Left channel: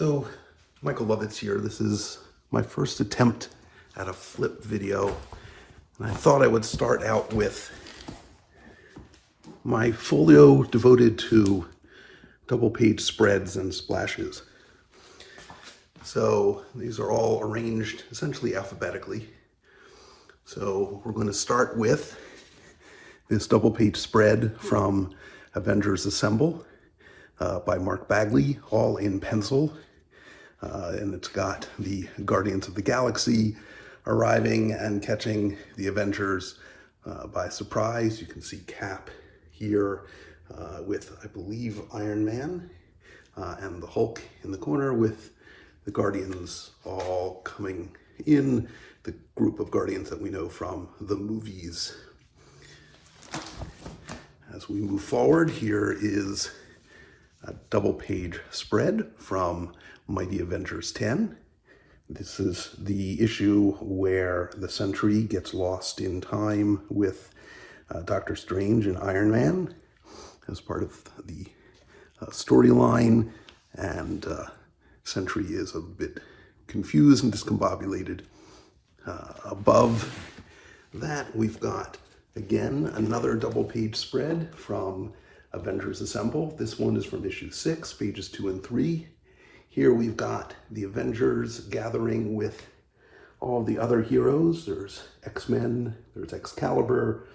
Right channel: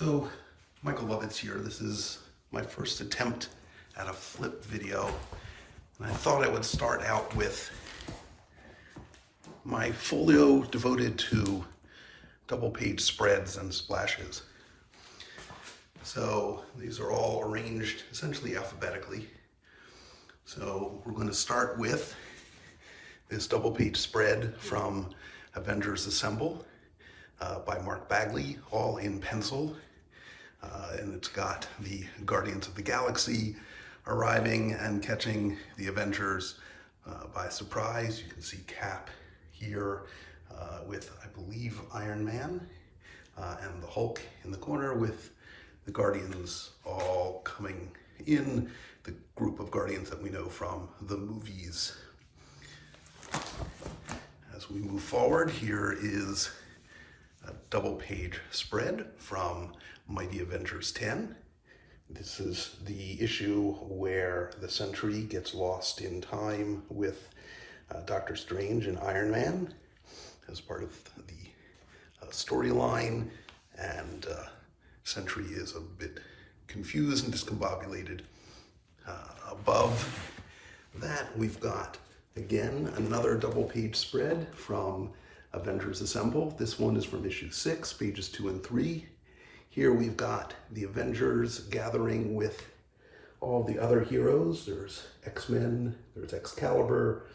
So, Michael Lovitz here. This is my first attempt at a flip video. And I thought I would start out with my folio devoted to double page spreads and splashes. So these are all arranged essentially alphabetically. So we're going to start with this double page spread from Avengers Assemble by Bagley, all in pencil. And it's got the Guardians of the Galaxy arriving and catching the Avengers by surprise. You can see Cap here with, I believe, Iron Man and the Hulk in the corner with the Guardians all coming in, the group of Guardians that we know from the movies. As we move forward, here is a double page spread from Mighty Avengers 10. This is the issue where the Sentry gets lost in time with Doctor Strange and Iron Man as part of the storyline, and Sentry is a bit confused and discombobulated. Above that, we've got, again, another double page spread from Avengers Assemble. This one is from issue 6, pages 2 and 3. Here we've got the Avengers gathering with all the other heroes. There's X-Men, there's Excalibur,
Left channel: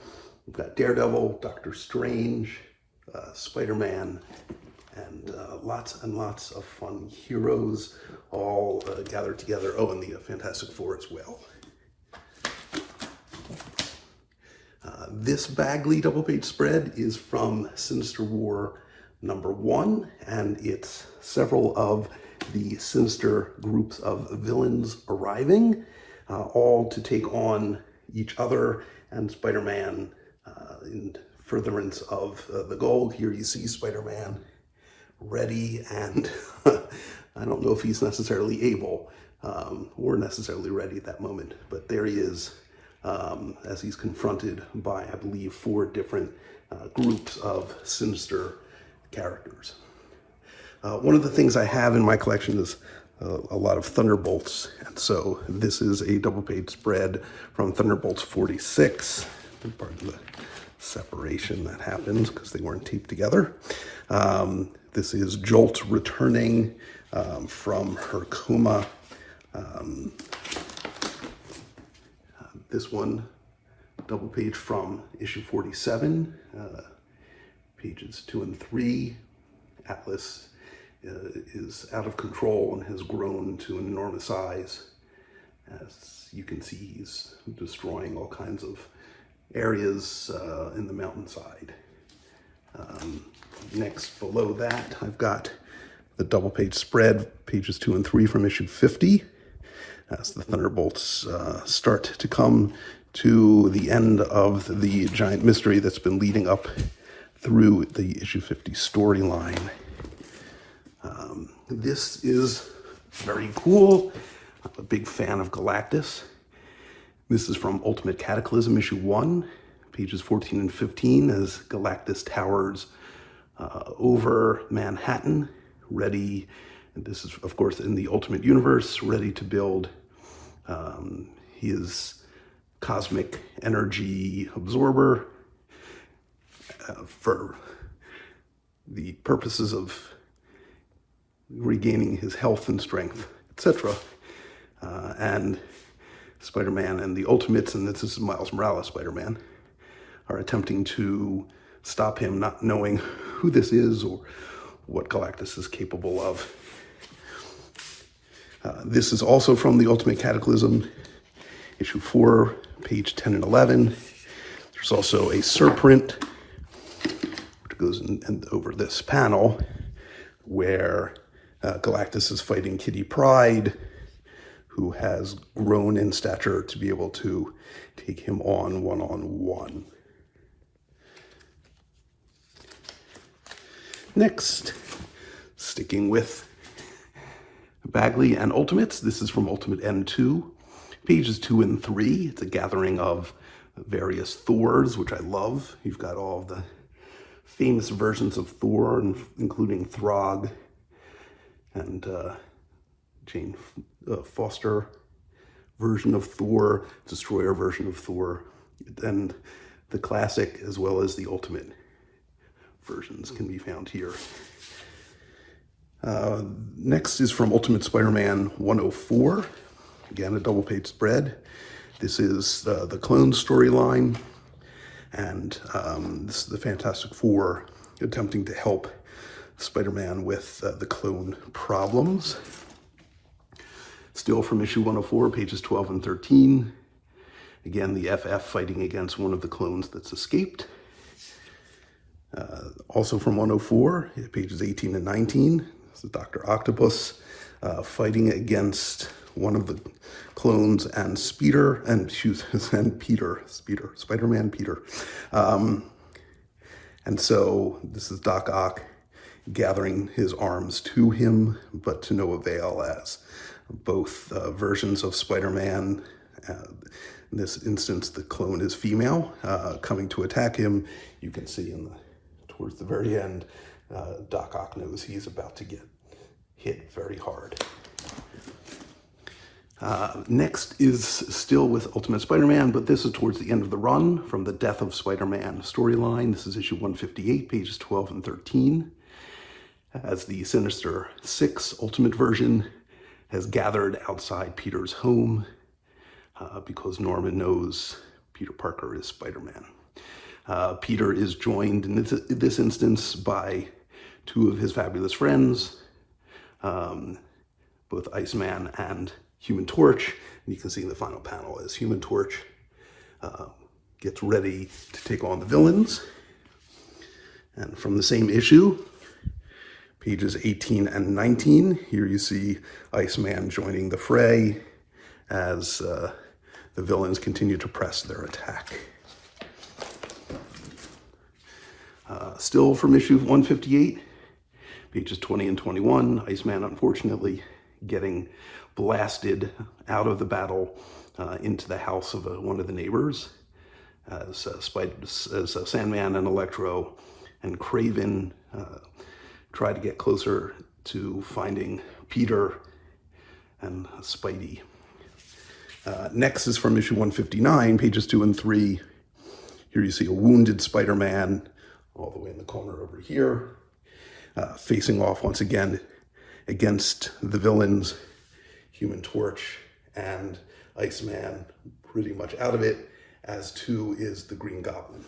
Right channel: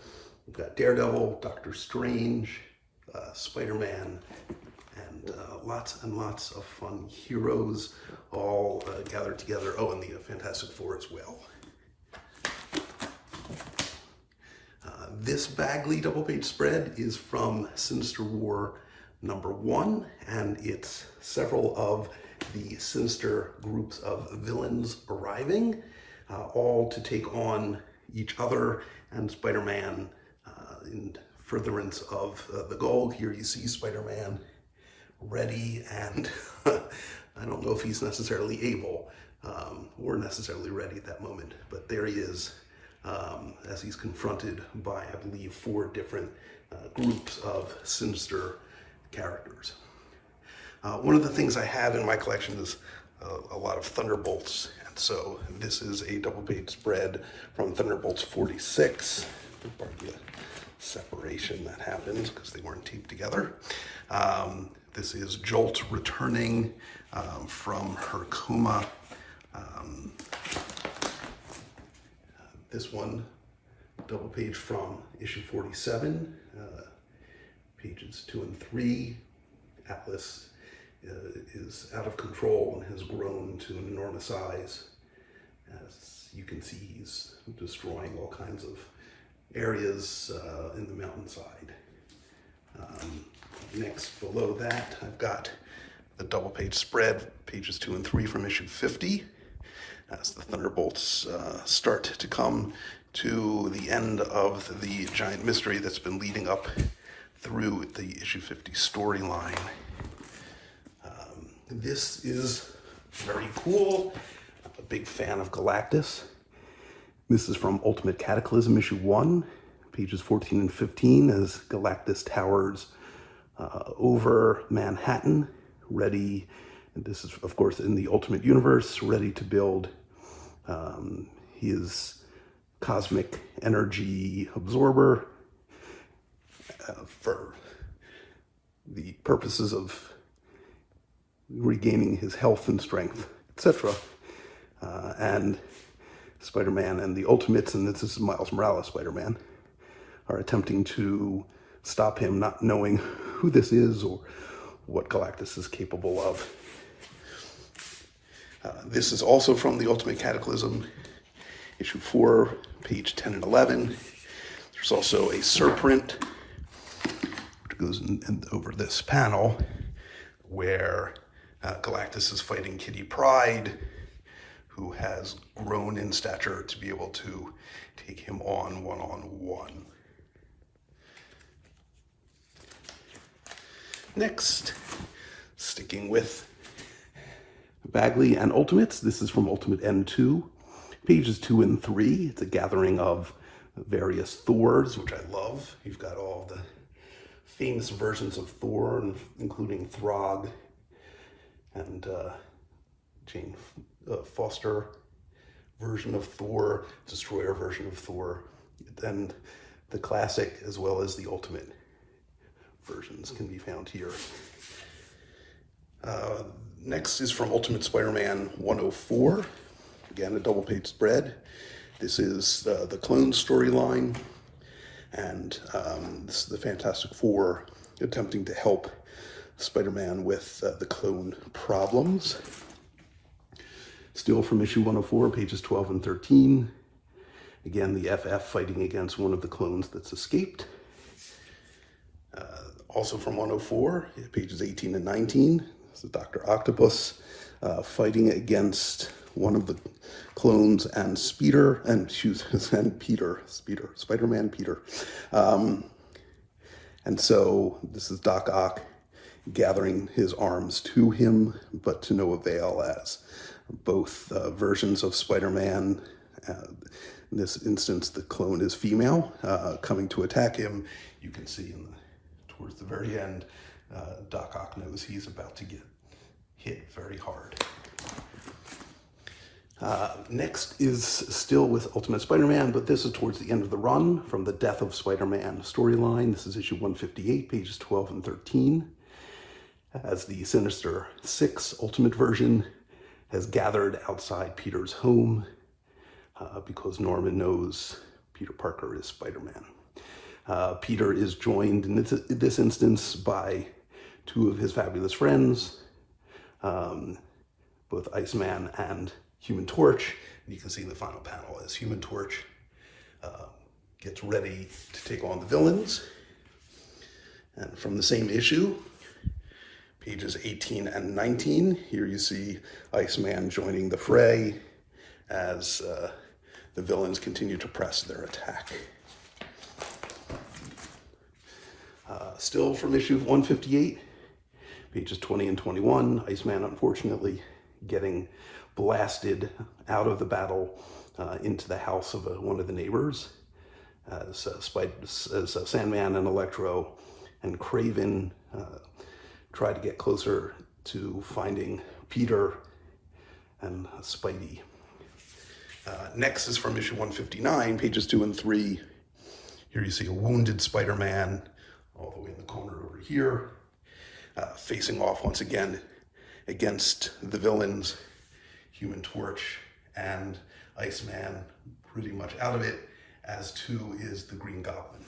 we've got Daredevil, Doctor Strange, Spider-Man, and lots and lots of fun heroes all gathered together. Oh, and the Fantastic Four as well. This Bagley double page spread is from Sinister War #1, and it's several of the sinister groups of villains arriving, all to take on each other and Spider-Man in furtherance of the goal. Here you see Spider-Man ready, and I don't know if he's necessarily able or necessarily ready at that moment, but there he is as he's confronted by, I believe, 4 different groups of sinister characters. One of the things I have in my collection is a lot of Thunderbolts, and so this is a double page spread from Thunderbolts 46, part of the separation that happens because they weren't taped together. This is Jolt returning from her coma. This one, double page from issue 47, pages 2 and 3. Atlas is out of control and has grown to an enormous size. As you can see, he's destroying all kinds of areas in the mountainside. Next, below that, I've got the double page spread, pages 2 and 3 from issue 50. As the Thunderbolts start to come to the end of the giant mystery that's been leading up through the issue 50 storyline. This is very cool. I'm a big fan of Galactus. This is from Ultimate Cataclysm issue 1, pages 14 and 15, as Galactus towers over Manhattan, ready. And this is, of course, in the Ultimate Universe, ready to build his cosmic energy absorber for the purposes of regaining his health and strength, etc. And Spider-Man and the Ultimates, and this is Miles Morales Spider-Man, are attempting to stop him, not knowing who this is or what Galactus is capable of. This is also from the Ultimate Cataclysm, issue 4, page 10 and 11. There's also a surprint, which goes in over this panel, where Galactus is fighting Kitty Pryde, who has grown in stature to be able to take him on one-on-one. Next, sticking with Bagley and Ultimates, this is from Ultimate N2, pages 2 and 3. It's a gathering of various Thors, which I love. You've got all the famous versions of Thor, including Throg and Jane Foster version of Thor, Destroyer version of Thor, and the classic as well as the ultimate versions can be found here. Next is from Ultimate Spider-Man 104. Again, a double-page spread. This is the clone storyline, and this is the Fantastic Four attempting to help Spider-Man with the clone problems. Still from issue 104, pages 12 and 13. Again, the FF fighting against one of the clones that's escaped. Also from 104, pages 18 and 19. This is Dr. Octopus fighting against one of the clones and Spider-Man Peter. And so this is Doc Ock gathering his arms to him, but to no avail, as both versions of Spider-Man, in this instance the clone is female, coming to attack him. You can see towards the very end, Doc Ock knows he's about to get hit very hard. Next is still with Ultimate Spider-Man, but this is towards the end of the run from the Death of Spider-Man storyline. This is issue 158, pages 12 and 13. As the Sinister Six Ultimate version has gathered outside Peter's home because Norman knows Peter Parker is Spider-Man. Peter is joined in this instance by two of his fabulous friends, both Iceman and Human Torch. You can see in the final panel as Human Torch gets ready to take on the villains. And from the same issue, pages 18 and 19, here you see Iceman joining the fray as the villains continue to press their attack. Still from issue 158, pages 20 and 21, Iceman unfortunately getting blasted out of the battle into the house of one of the neighbors as Sandman and Electro and Kraven try to get closer to finding Peter and Spidey. Next is from issue 159, pages 2 and 3. Here you see a wounded Spider-Man all the way in the corner over here, facing off once again against the villains, Human Torch and Iceman, pretty much out of it, as too is the Green Goblin.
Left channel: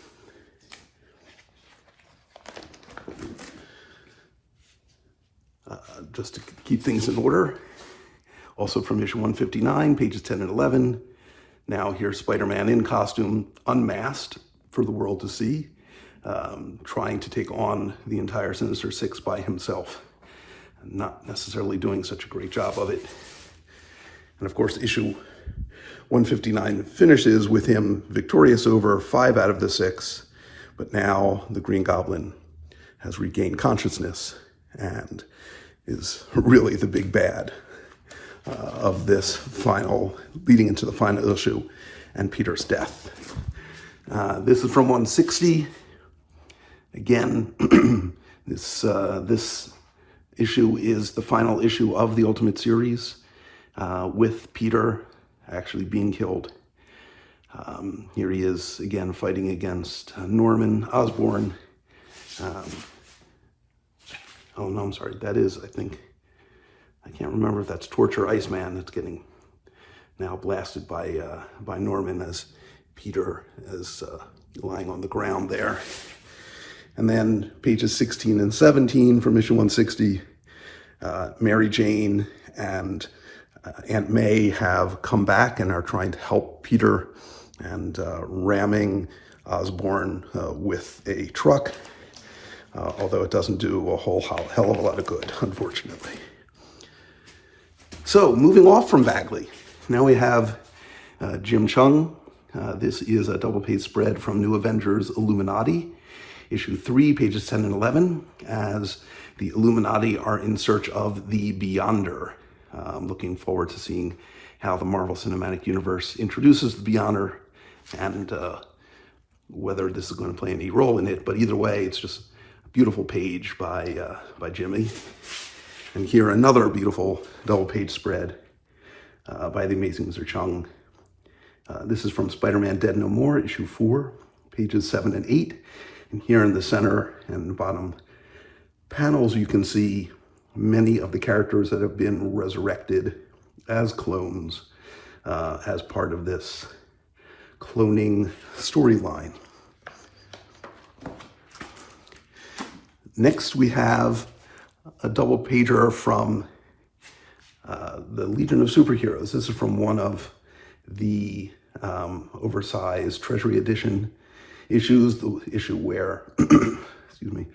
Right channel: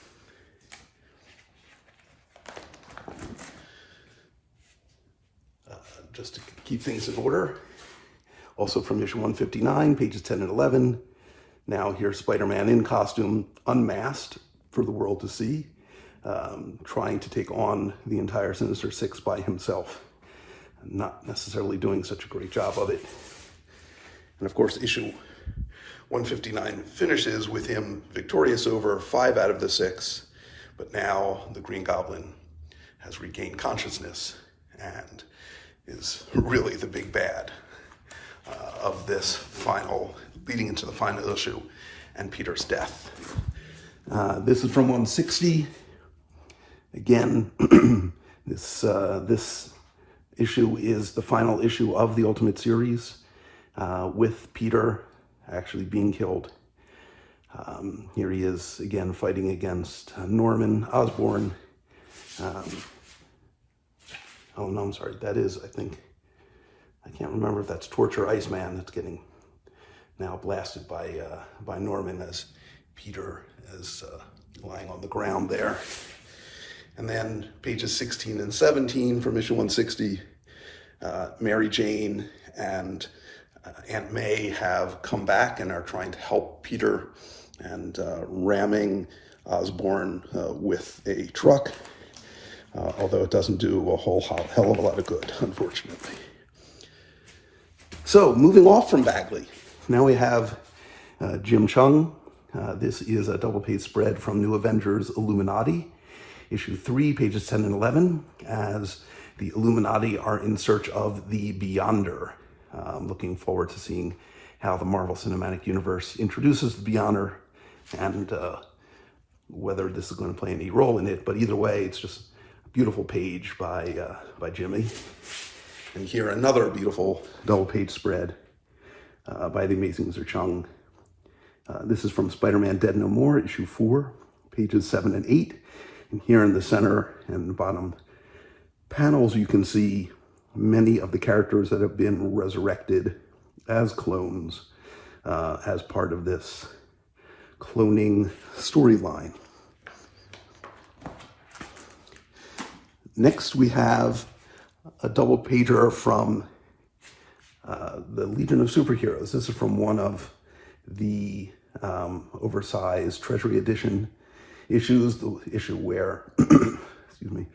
Just to keep things in order, also from issue 159, pages 10 and 11, now here's Spider-Man in costume, unmasked for the world to see, trying to take on the entire Sinister Six by himself. Not necessarily doing such a great job of it. And of course, issue 159 finishes with him victorious over 5 out of the 6, but now the Green Goblin has regained consciousness and is really the big bad of this final, leading into the final issue and Peter's death. This is from 160. Again, this issue is the final issue of the Ultimate Series, with Peter actually being killed. Here he is again fighting against Norman Osborn. Oh no, I'm sorry, that is, I can't remember if that's Torch or Iceman that's getting now blasted by Norman as Peter is lying on the ground there. And then pages 16 and 17 from issue 160, Mary Jane and Aunt May have come back and are trying to help Peter and ramming Osborn with a truck, although it doesn't do a whole hell of a lot of good, unfortunately. So moving off from Bagley, now we have Jim Chung. This is a double-page spread from New Avengers Illuminati, issue 3, pages 10 and 11, as the Illuminati are in search of the Beyonder. I'm looking forward to seeing how the Marvel Cinematic Universe introduces the Beyonder and whether this is going to play any role in it. But either way, it's just a beautiful page by Jimmy. And here another beautiful double-page spread by the amazing Mr. Chung. This is from Spider-Man Dead No More, issue 4, pages 7 and 8. And here in the center and bottom panels, you can see many of the characters that have been resurrected as clones as part of this cloning storyline. Next, we have a double pager from the Legion of Superheroes. This is from one of the oversized Treasury Edition issues, the issue where, excuse me,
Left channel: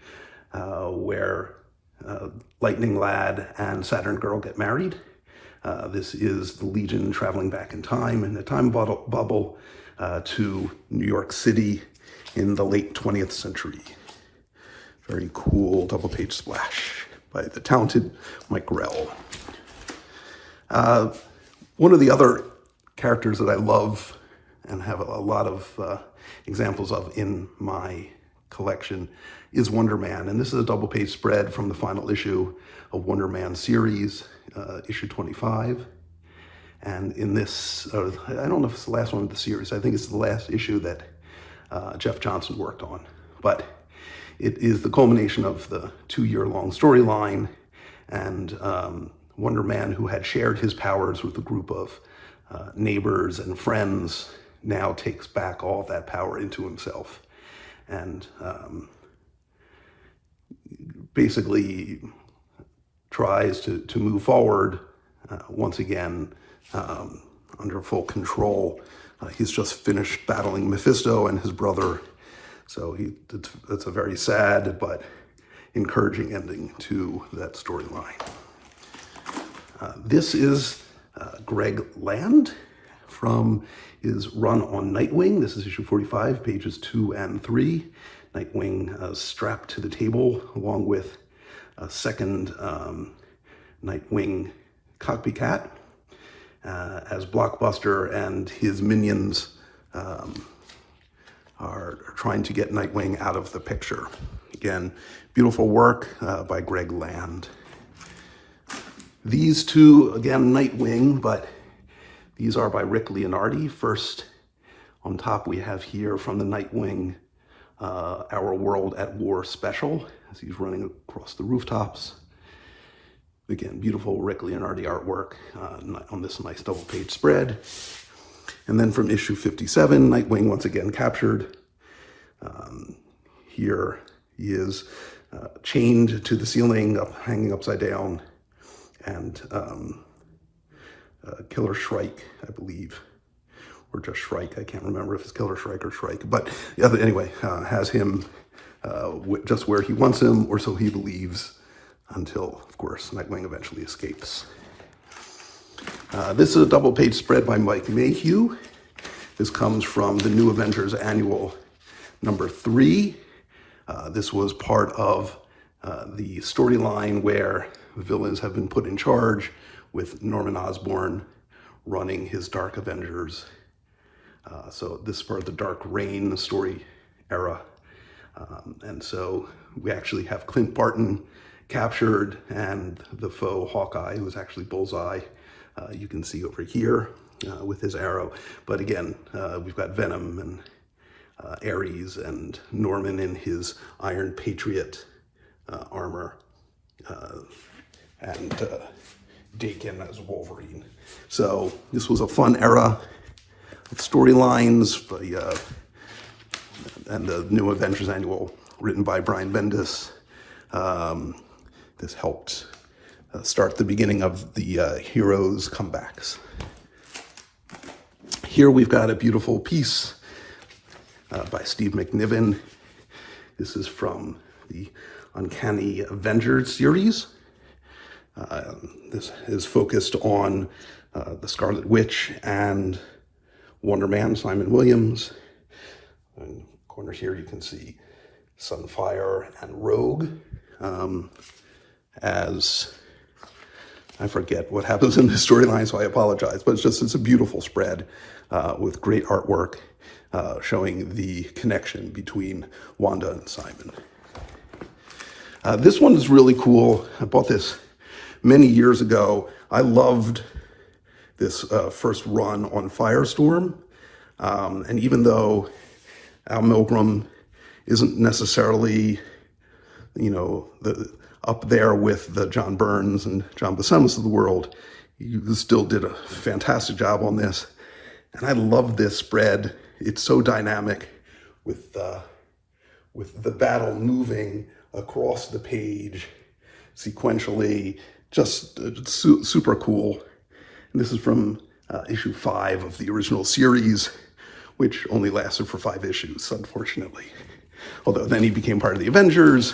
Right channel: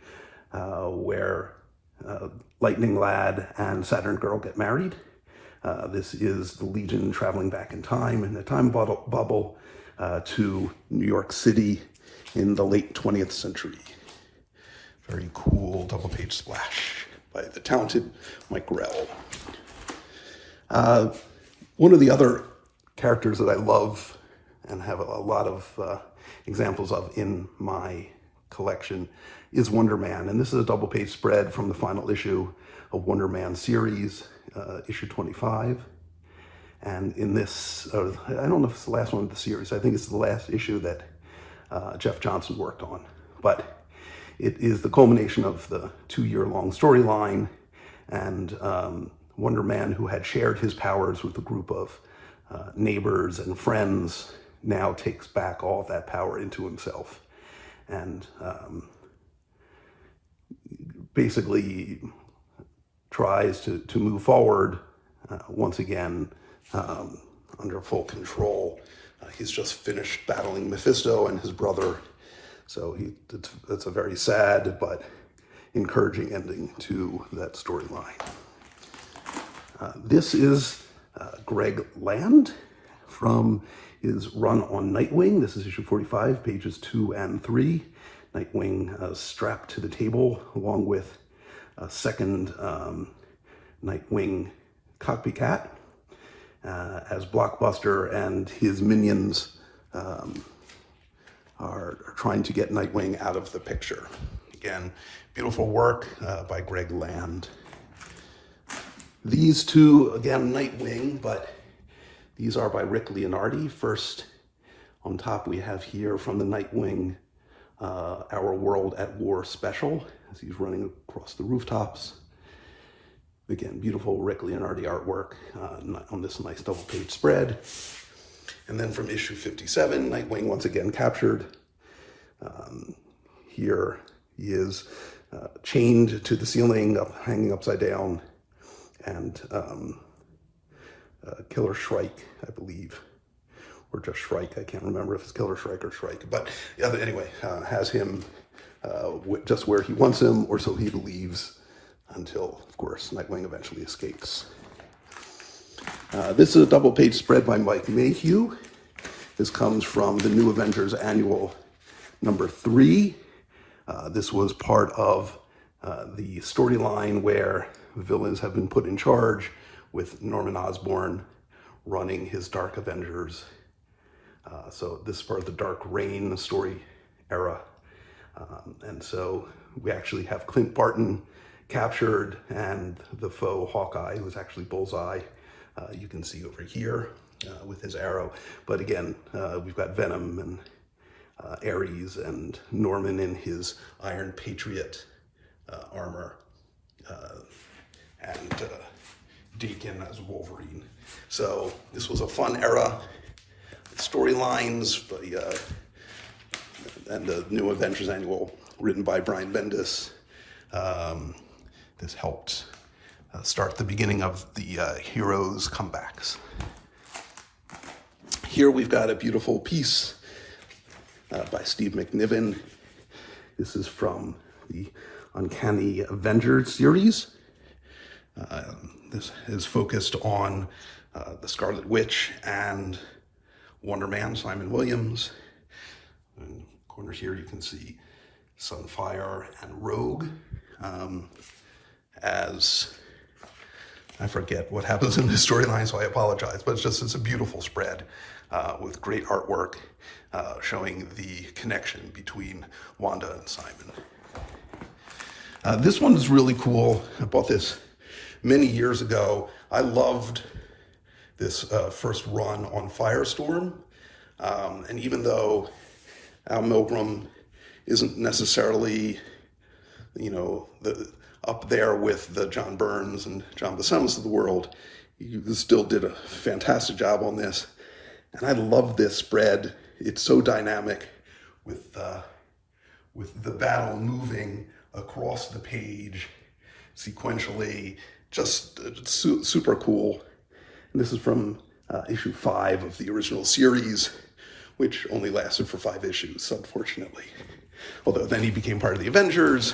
where Lightning Lad and Saturn Girl get married. This is the Legion traveling back in time, in a time bubble, to New York City in the late 20th century. Very cool double-page splash by the talented Mike Grell. One of the other characters that I love and have a lot of examples of in my collection is Wonder Man. And this is a double-page spread from the final issue of Wonder Man series, issue 25. And in this, I don't know if it's the last one of the series. I think it's the last issue that Jeff Johnson worked on. But it is the culmination of the 2-year-long storyline, and Wonder Man, who had shared his powers with a group of neighbors and friends, now takes back all that power into himself and basically tries to move forward once again under full control. He's just finished battling Mephisto and his brother. So that's a very sad but encouraging ending to that storyline. This is Greg Land from his run on Nightwing. This is issue 45, pages 2 and 3. Nightwing strapped to the table along with a second Nightwing copycat as Blockbuster and his minions are trying to get Nightwing out of the picture. Again, beautiful work by Greg Land. These two, again, Nightwing, but these are by Rick Leonardi. First, on top we have here from the Nightwing, Our World at War special, as he's running across the rooftops. Again, beautiful Rick Leonardi artwork on this nice double-page spread. And then from issue 57, Nightwing once again captured. Here he is chained to the ceiling, hanging upside down, and Killer Shrike, I believe, or just Shrike. I can't remember if it's Killer Shrike or Shrike, but yeah, anyway, has him just where he wants him, or so he believes, until, of course, Nightwing eventually escapes. This is a double-page spread by Mike Mayhew. This comes from the New Avengers Annual number 3. This was part of the storyline where the villains have been put in charge, with Norman Osborn running his Dark Avengers. So this is part of the Dark Reign story era. And so we actually have Clint Barton captured, and the foe Hawkeye, who's actually Bullseye, you can see over here with his arrow. But again, we've got Venom and Ares and Norman in his Iron Patriot armor, and Dakin as Wolverine. So this was a fun era of storylines, and the New Avengers Annual, written by Brian Bendis. This helped start the beginning of the heroes' comebacks. Here we've got a beautiful piece by Steve McNiven. This is from the Uncanny Avengers series. This is focused on the Scarlet Witch and Wonder Man, Simon Williams. In the corner here you can see Sunfire and Rogue. As I forget what happens in this storyline, so I apologize, but it's a beautiful spread with great artwork showing the connection between Wanda and Simon. This one is really cool. I bought this many years ago, I loved this first run on Firestorm. And even though Al Milgrom isn't necessarily, you know, up there with the John Burns and John Buscema's of the world, he still did a fantastic job on this. And I love this spread. It's so dynamic with the battle moving across the page sequentially, just super cool. And this is from issue 5 of the original series, which only lasted for 5 issues, unfortunately. Although then he became part of the Avengers,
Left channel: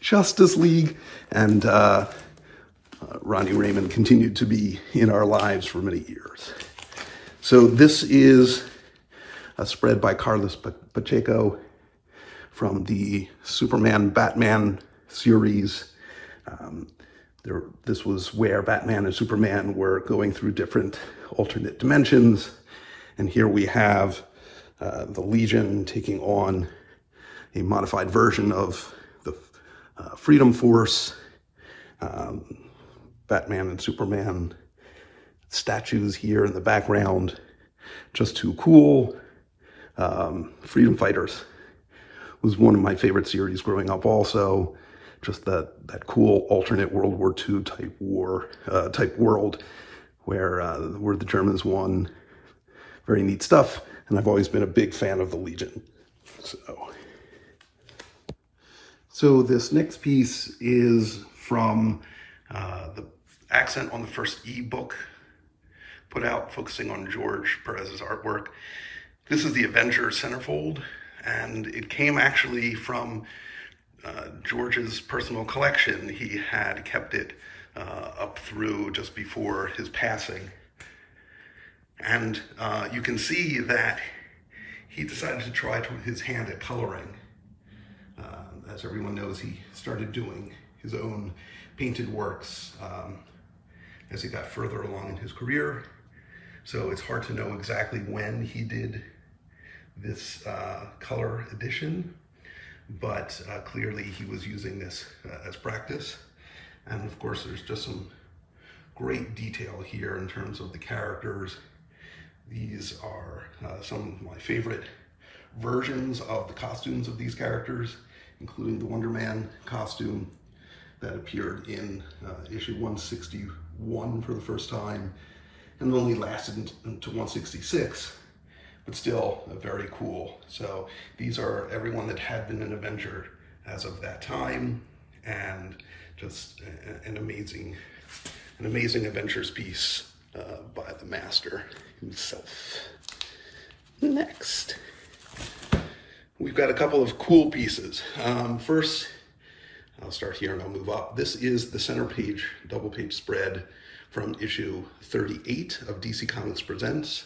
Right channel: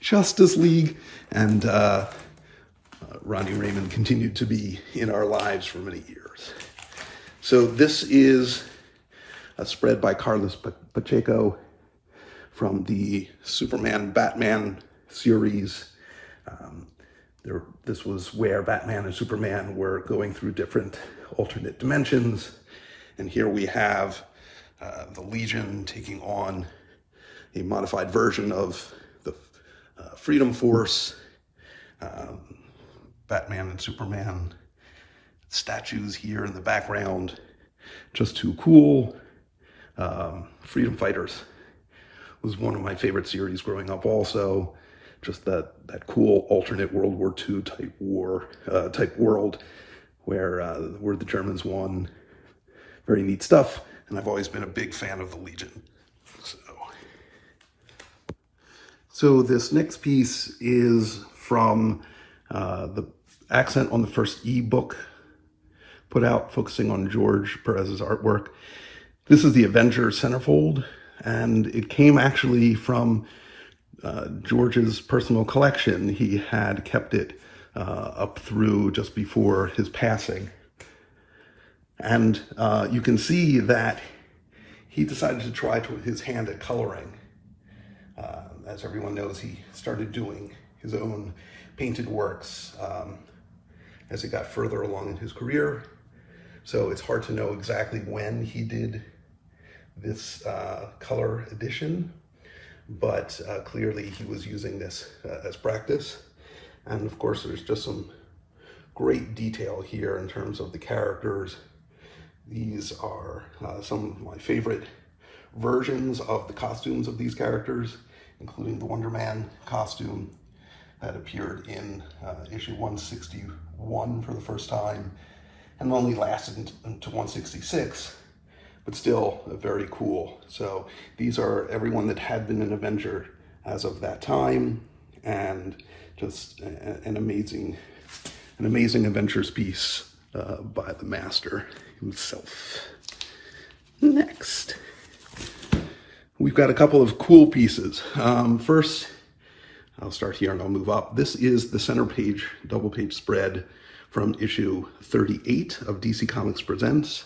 Justice League, and Ronnie Raymond continued to be in our lives for many years. So this is a spread by Carlos Pacheco from the Superman Batman series. This was where Batman and Superman were going through different alternate dimensions. And here we have the Legion taking on a modified version of the Freedom Force. Batman and Superman statues here in the background, just too cool. Freedom Fighters was one of my favorite series growing up also. Just that cool alternate World War II type world where the Germans won. Very neat stuff, and I've always been a big fan of the Legion. So this next piece is from the accent on the first ebook put out, focusing on George Perez's artwork. This is the Avengers centerfold, and it came actually from George's personal collection. He had kept it up through just before his passing. And you can see that he decided to try his hand at coloring. As everyone knows, he started doing his own painted works as he got further along in his career. So it's hard to know exactly when he did this color edition, but clearly he was using this as practice. And of course, there's just some great detail here in terms of the characters. These are some of my favorite versions of the costumes of these characters, including the Wonder Man costume that appeared in issue 161 for the first time and only lasted until 166, but still very cool. So these are everyone that had been an Avenger as of that time, and just an amazing Avengers piece by the master himself. Next, we've got a couple of cool pieces. First, I'll start here and I'll move up. This is the center page, double page spread from issue 38 of DC Comics Presents.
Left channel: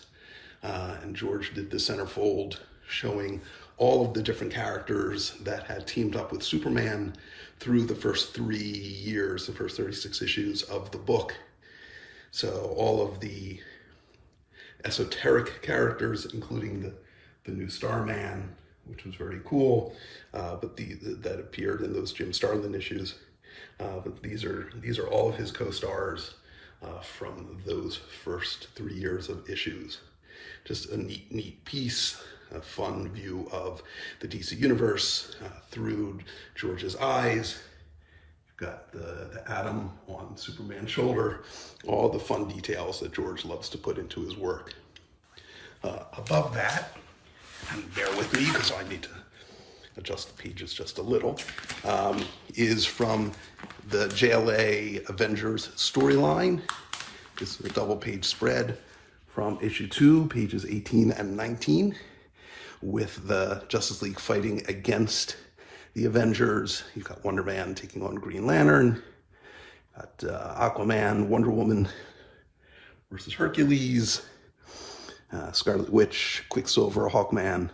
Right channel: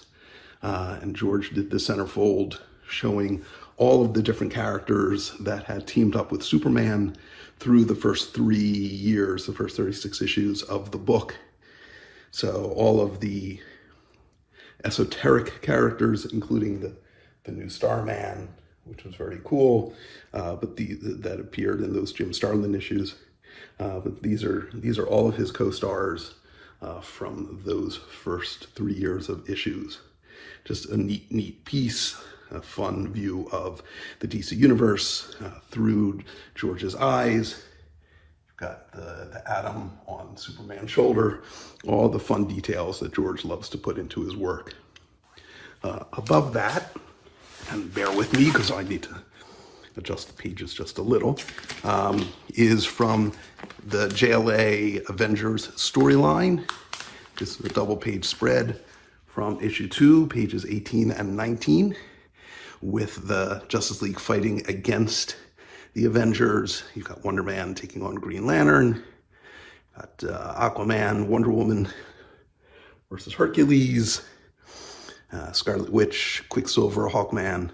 And George did the centerfold showing all of the different characters that had teamed up with Superman through the first 3 years, the first 36 issues of the book. So all of the esoteric characters, including the new Starman, which was very cool, but that appeared in those Jim Starlin issues. But these are all of his co-stars from those first 3 years of issues. Just a neat piece, a fun view of the DC universe through George's eyes. You've got the Atom on Superman's shoulder, all the fun details that George loves to put into his work. Above that, and bear with me because I need to adjust the pages just a little, is from the JLA Avengers storyline. This is a double page spread from issue 2, pages 18 and 19, with the Justice League fighting against the Avengers. You've got Wonder Man taking on Green Lantern, got Aquaman, Wonder Woman versus Hercules, Scarlet Witch, Quicksilver, Hawkman.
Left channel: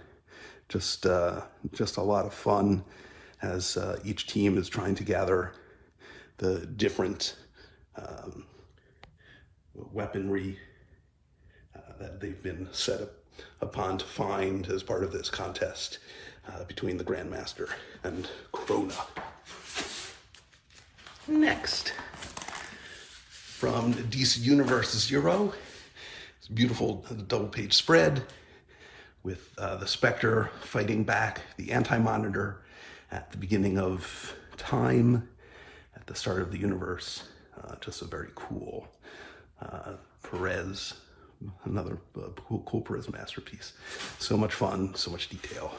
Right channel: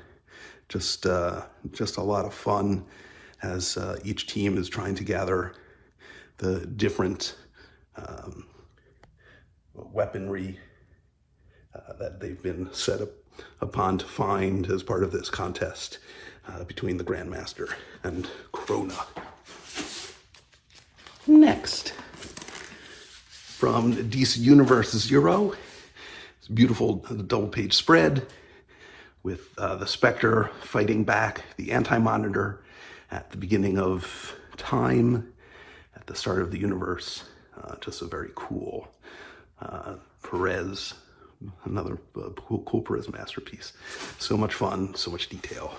Just a lot of fun as each team is trying to gather the different weaponry that they've been set upon to find as part of this contest between the Grandmaster and Corona. Next, from DC Universe Zero, it's a beautiful double-page spread with the Spectre fighting back the Anti-Monitor at the beginning of time, at the start of the universe. Just a very cool Perez, another cool Perez masterpiece. So much fun, so much detail.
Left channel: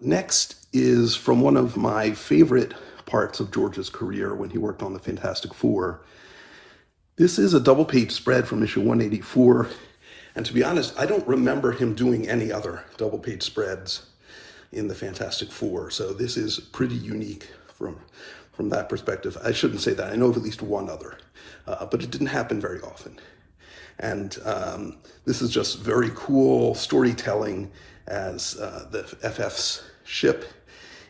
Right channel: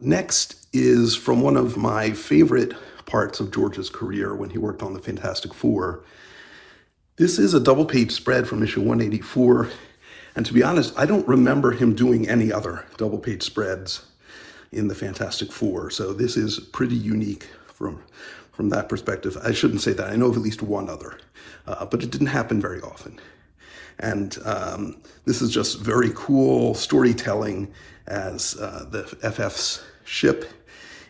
Next is from one of my favorite parts of George's career when he worked on the Fantastic Four. This is a double-page spread from issue 184, and to be honest, I don't remember him doing any other double-page spreads in the Fantastic Four, so this is pretty unique from that perspective. I shouldn't say that. I know of at least one other, but it didn't happen very often. And this is just very cool storytelling as the FF's ship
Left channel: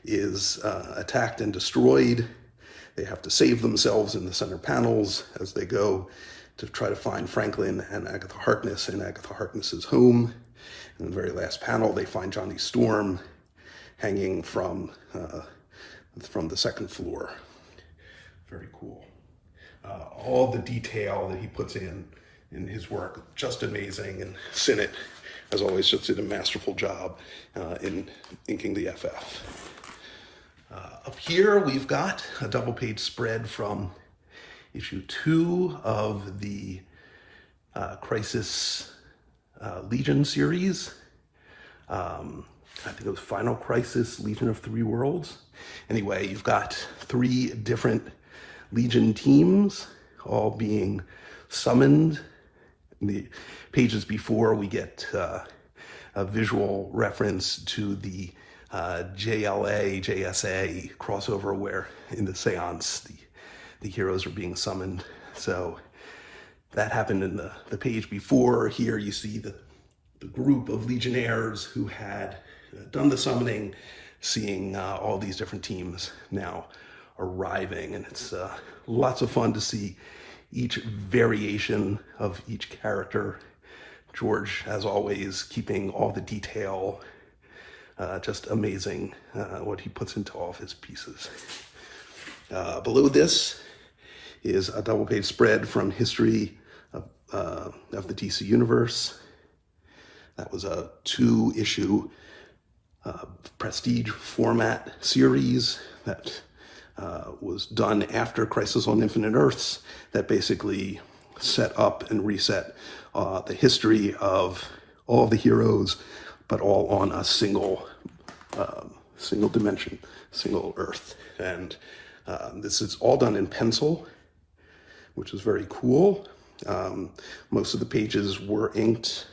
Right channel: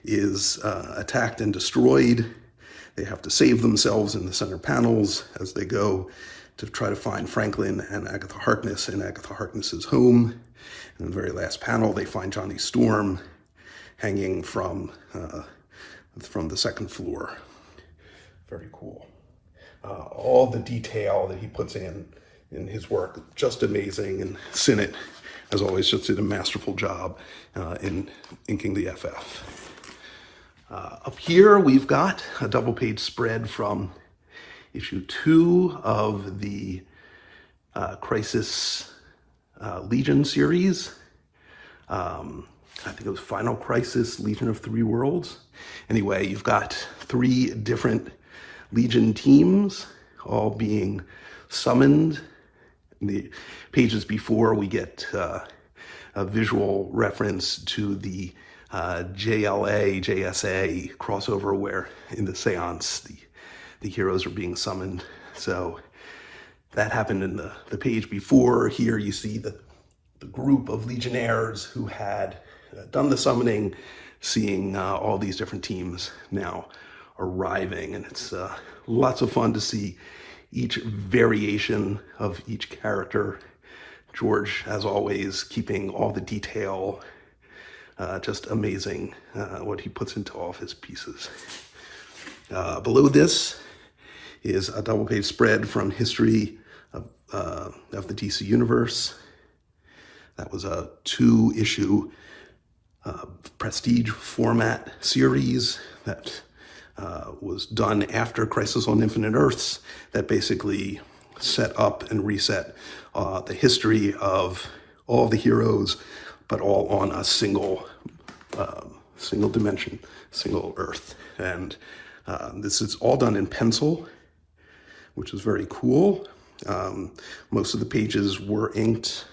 is attacked and destroyed. They have to save themselves in the center panels as they go to try to find Franklin and Agatha Harkness in Agatha Harkness's home. In the very last panel, they find Johnny Storm hanging from the second floor. Very cool. All the detail that he puts in his work, just amazing. And Sinnott, as always, just did a masterful job in inking the FF. Up here, we've got a double-page spread from issue 2 of the Crisis Legion series. I think it was Final Crisis, Legion of Three Worlds. Anyway, you've got 3 different Legion teams all being summoned. In the pages before, we get a visual reference to the JLA, JSA crossover where in the seance the heroes are being summoned. So that happened in the page before. Here you see the group of Legionnaires who had done the summoning, seeing all these different teams now arriving. And it's lots of fun to see each variation of each character. George, as always, keeping all the detail. Just amazing what he puts into all of his pieces. Below this is a double-page spread from History of the DC Universe. That was a 2-issue prestige format series that was done after Crisis on Infinite Earths, that basically set up and reset the history of all the heroes, but all on a single dimension, single Earth. And this is all done in pencil, which is very cool. Most of the pages were inked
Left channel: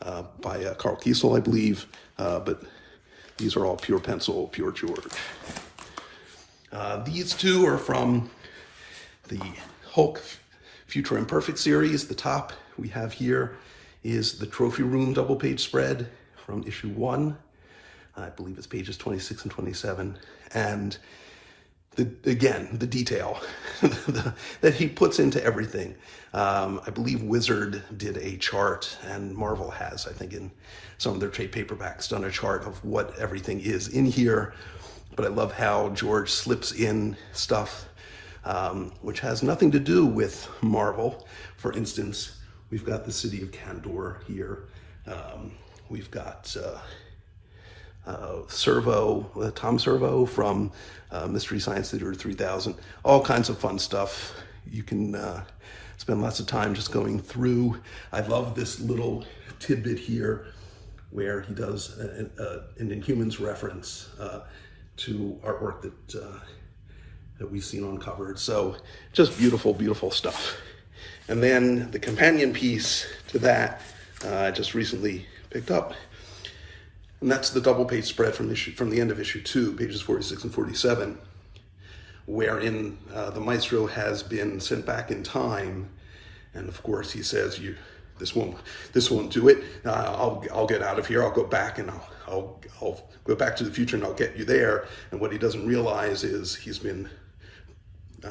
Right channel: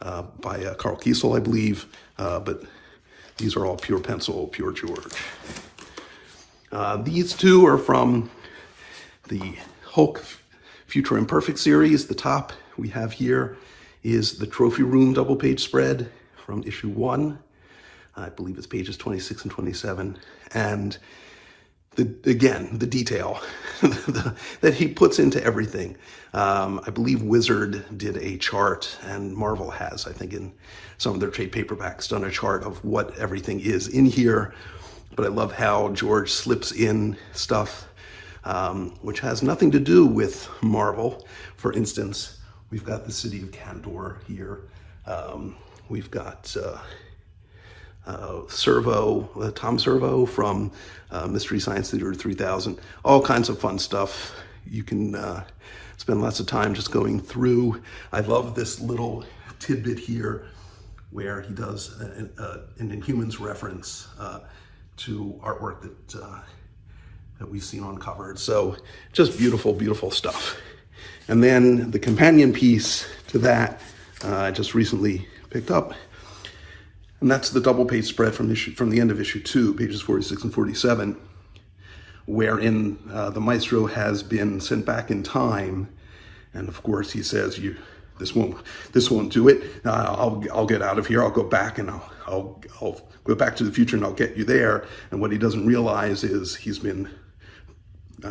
by Carl Kiesel, I believe, but these are all pure pencil, pure George. These 2 are from the Hulk Future Imperfect series. The top we have here is the Trophy Room double-page spread from issue 1. I believe it's pages 26 and 27. And again, the detail that he puts into everything. I believe Wizard did a chart, and Marvel has, I think in some of their trade paperbacks, done a chart of what everything is in here. But I love how George slips in stuff which has nothing to do with Marvel. For instance, we've got the city of Kandor here. We've got Tom Servo from Mystery Science Theater 3000. All kinds of fun stuff. You can spend lots of time just going through. I love this little tidbit here where he does an Inhumans reference to artwork that we've seen on covers. So just beautiful, beautiful stuff. And then the companion piece to that I just recently picked up, and that's the double-page spread from the end of issue 2, pages 46 and 47, wherein the Maestro has been sent back in time, and of course he says, "This won't do it. I'll get out of here. I'll go back and I'll go back to the future and I'll get you there." And what he doesn't realize is he's been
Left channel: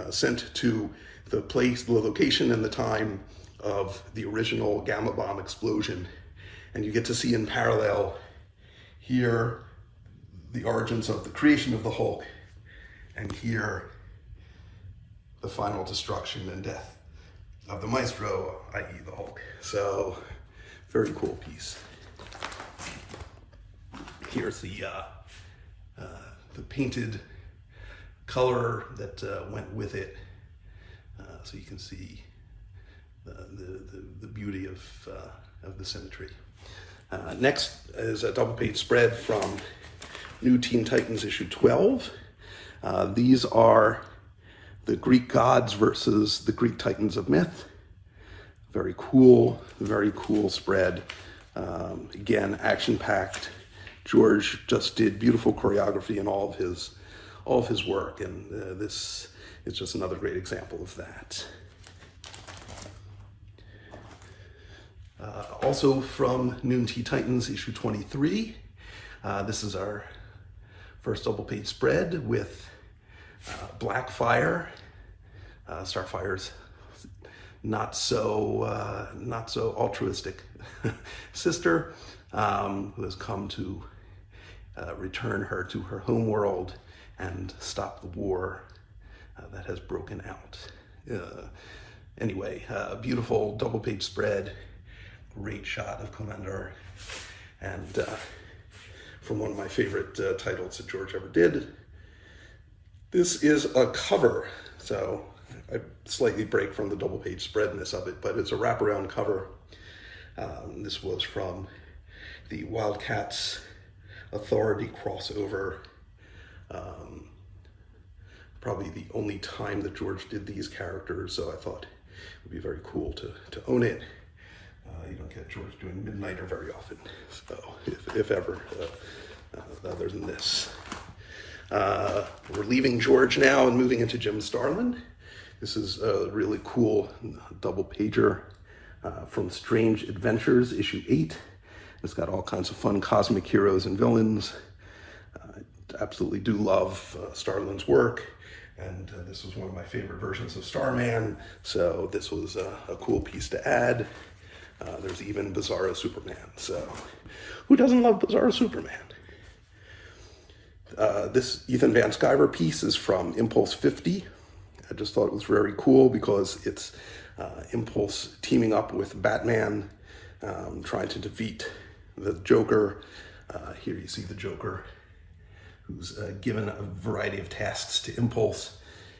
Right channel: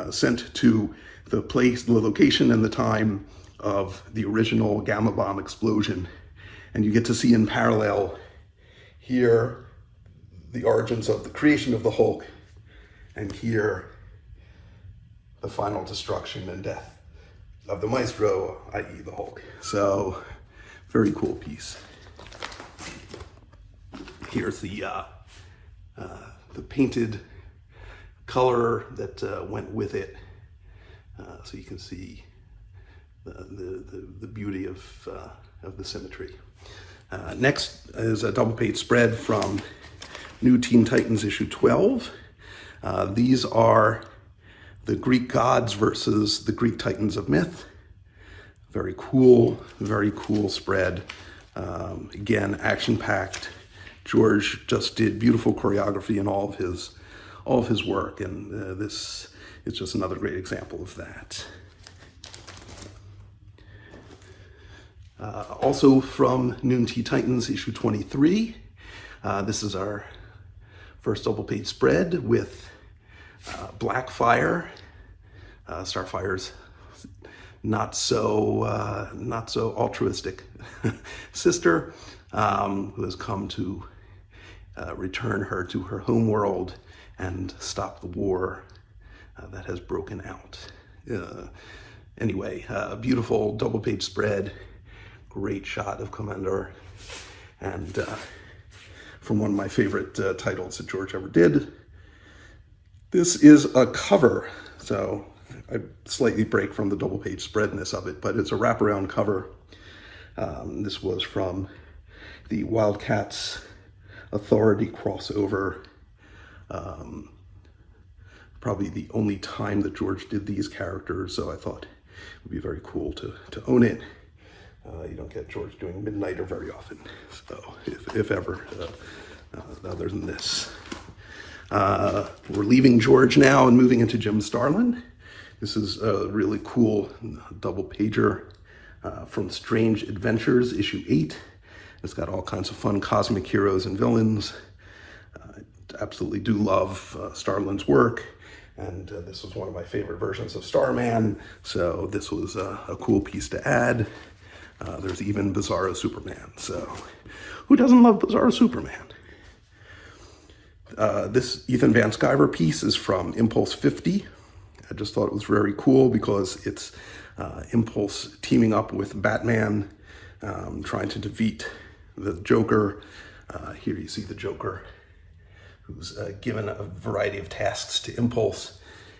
sent to the place, the location, and the time of the original gamma bomb explosion. And you get to see in parallel here the origins of the creation of the Hulk, and here the final destruction and death of the Maestro, i.e. the Hulk. So, very cool piece. Here's the painted color that went with it, so you can see the beauty of the symmetry. Next is a double page spread from New Teen Titans issue 12. These are the Greek gods versus the Greek Titans of myth. Very cool spread. Again, action-packed. George just did beautiful choreography in all of his work, and this is just another great example of that. Also from New Teen Titans issue 23, this is our first double page spread with Blackfire, Starfire's not so altruistic sister, who has come to return her to her home world and stop the war that has broken out. Anyway, beautiful double page spread, great shot of Commander, and from one of my favorite titles that George ever did. This is a cover, so I slightly break from the double page spreadness of it, but it's a wraparound cover. This was from the Wildcats Authority crossover. Probably the only time that George did these characters, so I thought it would be very cool to own it. You don't get George doing Midnighter very often, so if ever, other than this. We're leaving George now and moving into Jim Starlin. This is a really cool double pager from Strange Adventures, issue 8. It's got all kinds of fun cosmic heroes and villains. Absolutely do love Starlin's work, and this was one of my favorite versions of Starman, so this was a cool piece to add. There's even Bizarro Superman, so who doesn't love Bizarro Superman? This Ethan Van Sciver piece is from Impulse 50. I just thought it was very cool because it's Impulse teaming up with Batman, trying to defeat the Joker. Here you see the Joker, who's given a variety of tasks to Impulse,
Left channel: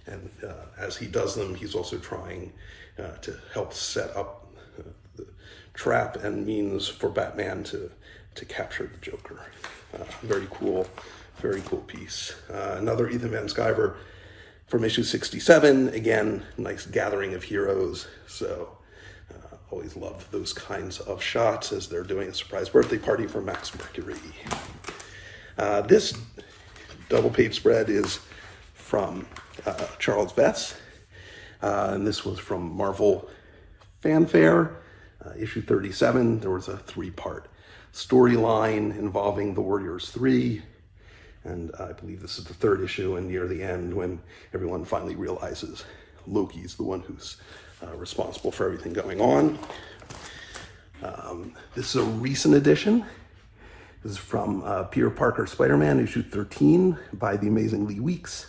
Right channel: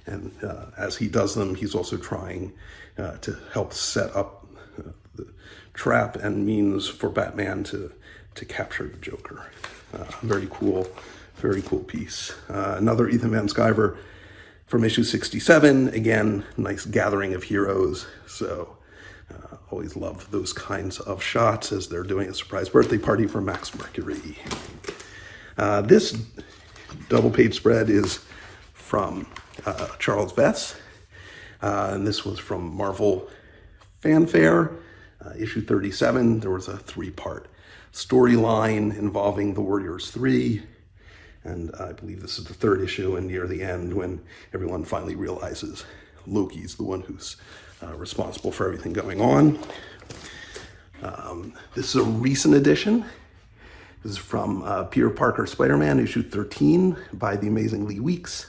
and as he does them, he's also trying to help set up the trap and means for Batman to capture the Joker. Very cool piece. Another Ethan Van Sciver from issue 67. Again, nice gathering of heroes. So always love those kinds of shots as they're doing a surprise birthday party for Max Mercury. This double page spread is from Charles Vess, and this was from Marvel Fanfare, issue 37. There was a 3-part storyline involving the Warriors 3, and I believe this is the 3rd issue, and near the end when everyone finally realizes Loki's the one who's responsible for everything going on. This is a recent edition. This is from Peter Parker Spider-Man, issue 13, by the amazing Lee Weeks.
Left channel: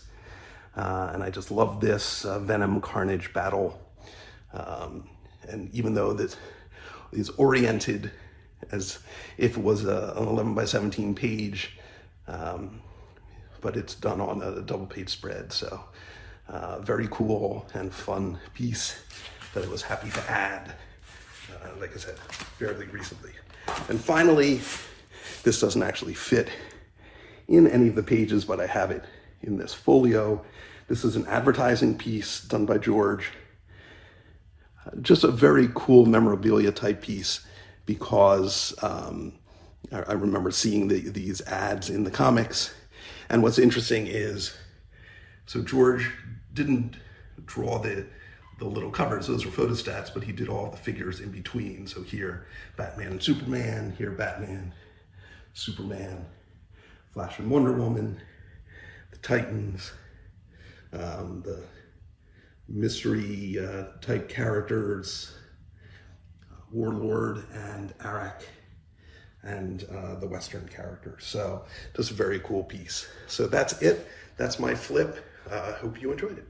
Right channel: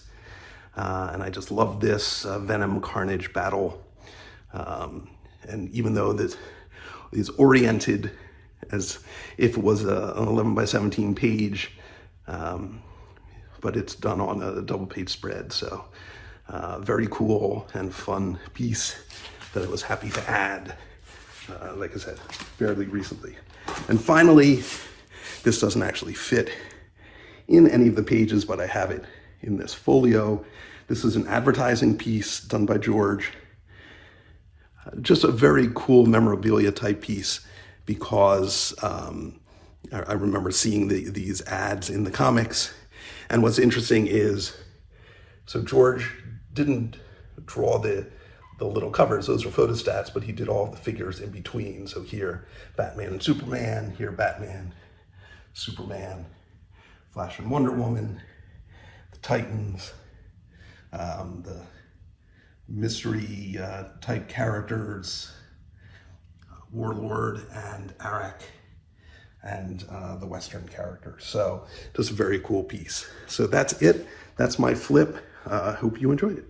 And I just love this Venom Carnage battle. And even though this is oriented as if it was an 11 by 17 page, but it's done on a double page spread. So very cool and fun piece that I was happy to add, like I said, fairly recently. And finally, this doesn't actually fit in any of the pages, but I have it in this folio. This is an advertising piece done by George. Just a very cool memorabilia type piece because I remember seeing these ads in the comics. And what's interesting is, so George didn't draw the little covers, those were photostats, but he did all the figures in between. So here, Batman and Superman, here Batman, Superman, Flash and Wonder Woman, the Titans, the mystery type characters, Warlord and Arak, and the Western characters. So just a very cool piece. So that's it. That's my flip. Hope you enjoyed it.